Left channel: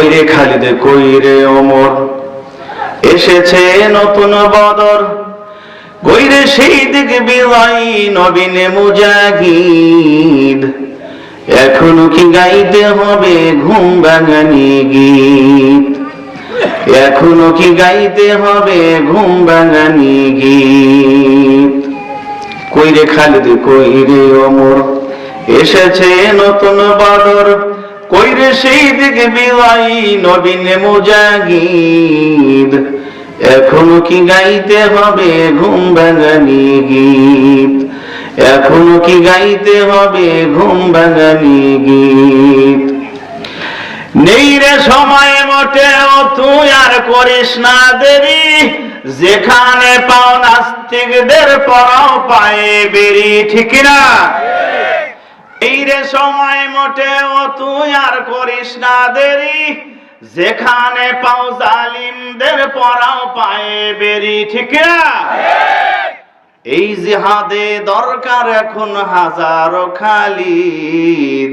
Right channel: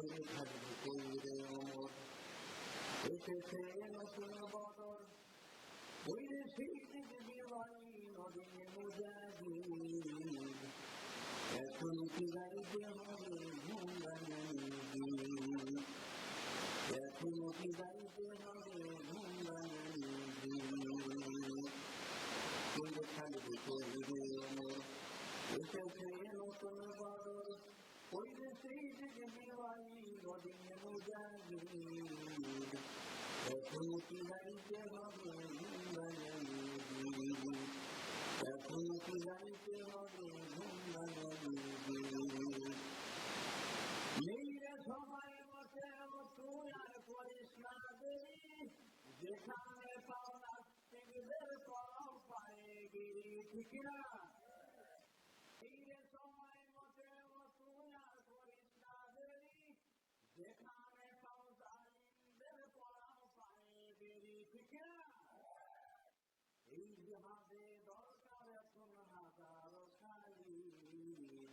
কইরে খালিদ কইরে ওমর? এসেছে নতুন বদর কইরে সেই দিক বিলাই নবীন মুজাহিদ? এখনও কি গাইতে হবে ঘুম ভাঙানি গীত? এখনও কি গাইতে হবে ঘুম ভাঙানি গীত? কইরে খালিদ কইরে ওমর? এসেছে নতুন বাদর কইরে সেই দিকে বিলাই নবীন মুজাহিদ এখনও কি গাইতে হবে ঘুম ভাঙানি গীত? এখনও কি গাইতে হবে ঘুম ভাঙানি গীত? নেই রে সময় মোটেও তুই আর করিস না দেরি। যেখানে পাও নাস্তিকদের পরাও পায়ে বেরি, ঠিক না এই রে সময় মোটেও তুই আর করিস না দেরি। যেখানে পাও জালিমদের পরাও পায়ে বেরি, ঠিক এই জিহাদে দরকার এখন হাজারো খালিদ।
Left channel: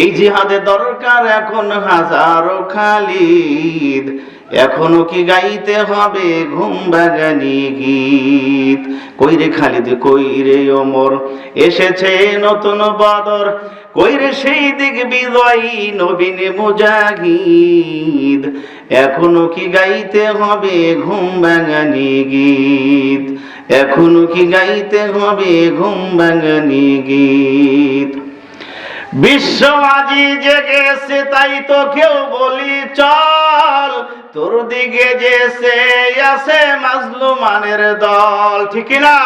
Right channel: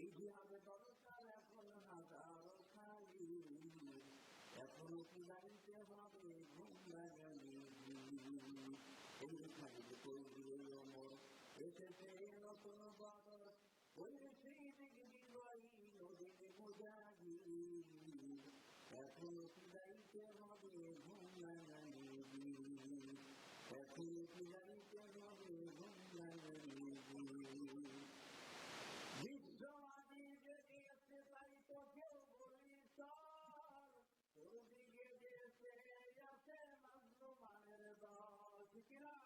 এই জিহাদে দরকার এখন হাজারো খালিদ। এখনও কি গাইতে হবে ঘুম বাগানি গীত? কইরে খালিদ, কই রে ওমর? এসেছে নতুন বদর কইরে সেই দিক বিজয়ী নবীন মুজাহিদ? এখনও কি গাইতে হবে ঘুম বাগানি গীত? এখনও কি গাইতে হবে ঘুম ভাঙানি গীত? বিশ্ব আজি জেগেছে, তাই তো কেউ বলি চল। তোর দিকে আছে মাজলুমানের দল, ঠিক না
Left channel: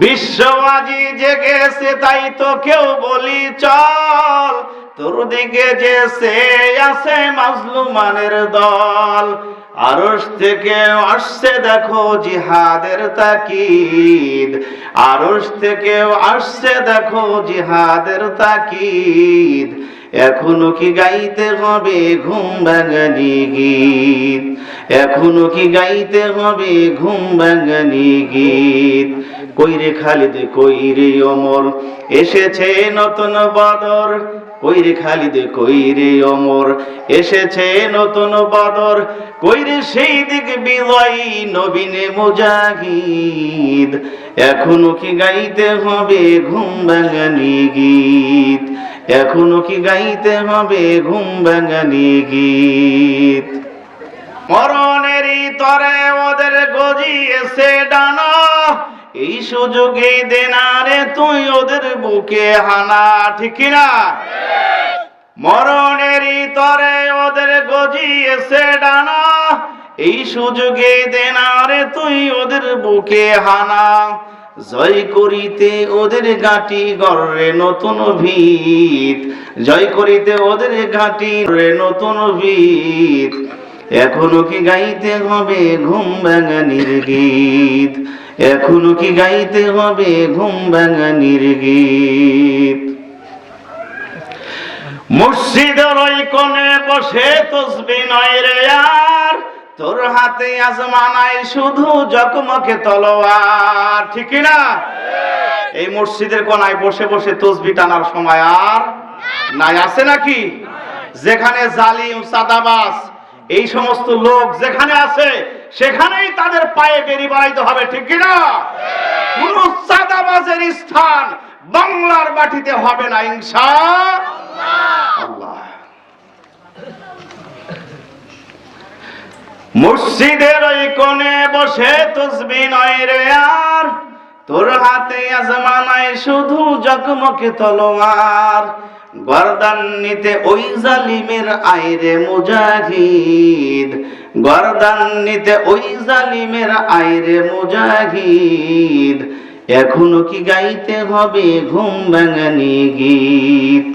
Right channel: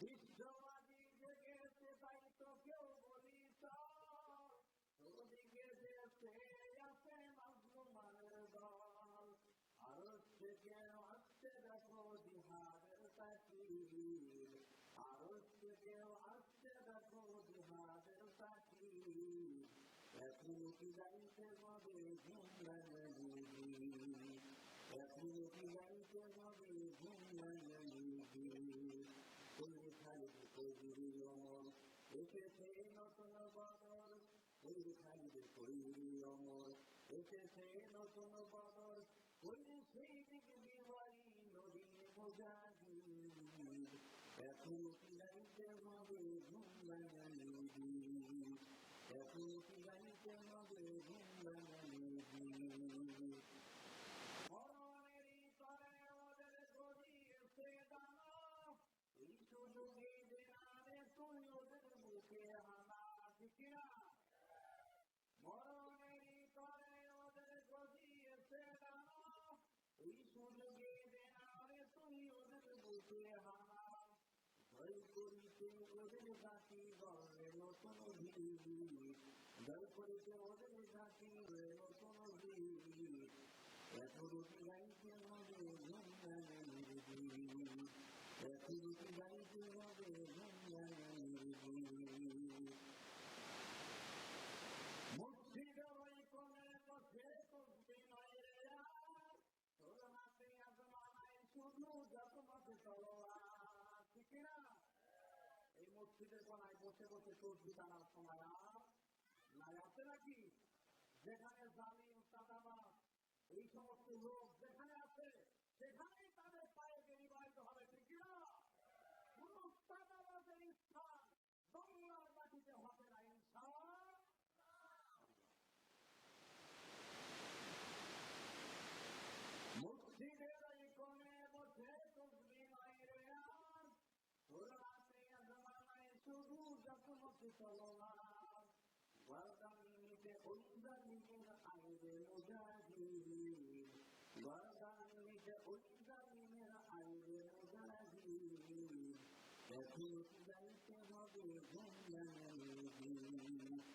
বিশ্ব আজি জেগেছে, তাই তো কেউ বলি চল। তোর দিকে আছে মাজলুমানের দল আরস থেকে আসছে দেখো জিহাদের তাকিদ। আরস থেকে আসছে দেখো জিহাদের তাকিদ। এখনও কি গাইতে হবে ঘুম ভাঙানি গীত? এখনও কি গাইতে হবে ঘুম ভাঙানি গীত? কইরে খালিদ, কইরে অমর, এসেছে নতুন বাদর। কইরে খালিদ, কইরে অমর, এসেছে নতুন বাদর। কইরে সেই দিক বিজয়ী নবীনে মুজাহিদ। এখনও কি গাইতে হবে ঘুম ভাঙানি গীত? এখনও কি গাইতে হবে ঘুম ভাঙানি গীত? মরণেরই তরে ওদের গজিয়েছে ডানা, এই সুযোগে দেনারে তুই ওদের বুকে হানা, ঠিক না মরণেরই তরে ওদের গজিয়েছে ডানা, এই সুযোগে দেনারে তুই ওদের বুকে হানা। জয় করিতে ওদের ঘাটি গড়ে নতুন ভিত। জয় করিতে ওদের ঘাটি গড়ে নতুন ভিত। এখনও কি গাইতে হবে ঘুম ভাঙানির গীত? এখনও কি গাইতে হবে ঘুম ভাঙানির গীত? মসজিদের ওই কোণে বসে তসবি নয় রে তোর হাতে আজমানায় শুধু জকমকে তলোয়ার, ঠিক না এই মসজিদের কোনায় বসে বসে তসবি টানার সময় আর নাই, আছে নাকি? যেখানে জালিম, সাদাবাস, এই সমস্ত লোক যেখানে আছে, সেখানেই তাদের পায়ে বেরি বাড়াইতে হবে, ঠিক না কোন সাদাবাজের স্থান বাংলার মাটিতে হবে না, ইনশা আল্লাহ। মসজিদের ওই কোণে বসে তসবি নয় রে আর। তোর হাতে আজমানায় শুধু জকমকে তলোয়ার। গর্দান নিতে ওই জালিমের আইরে মুজাহিদ। গর্দান নিতে ওই জালিমের আইরে মুজাহিদ। এখনও কি গাইতে হবে ঘুম ভাঙানি গীত?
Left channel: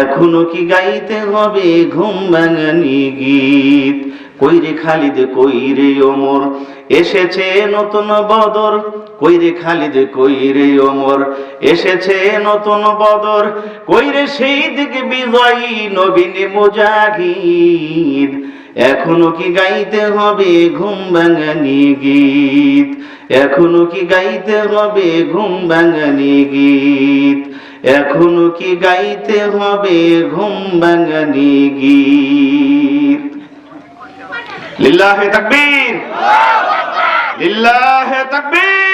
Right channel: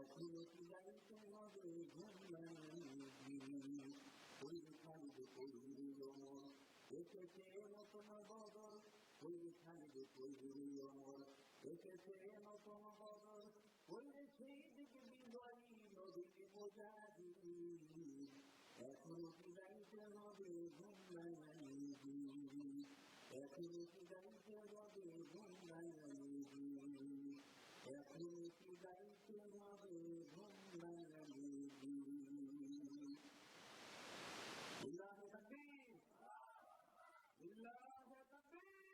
এখনও কি গাইতে হবে ঘুম ভাঙানি গীত? কইরে খালিদ কইরে ওমর? এসেছে নতুন বদর। কইরে খালিদ কইরে ওমর? এসেছে নতুন বদর। কইরে সেই দিকে বিজয়ী নবীন মুজাহিদ? এখনও কি গাইতে হবে ঘুম ভাঙানি গীত? এখনও কি গাইতে হবে ঘুম ভাঙানি গীত? এখনও কি গাইতে হবে ঘুম ভাঙানি গীত? লিল্লাহে তাকবীর লিল্লাহে তাকবীর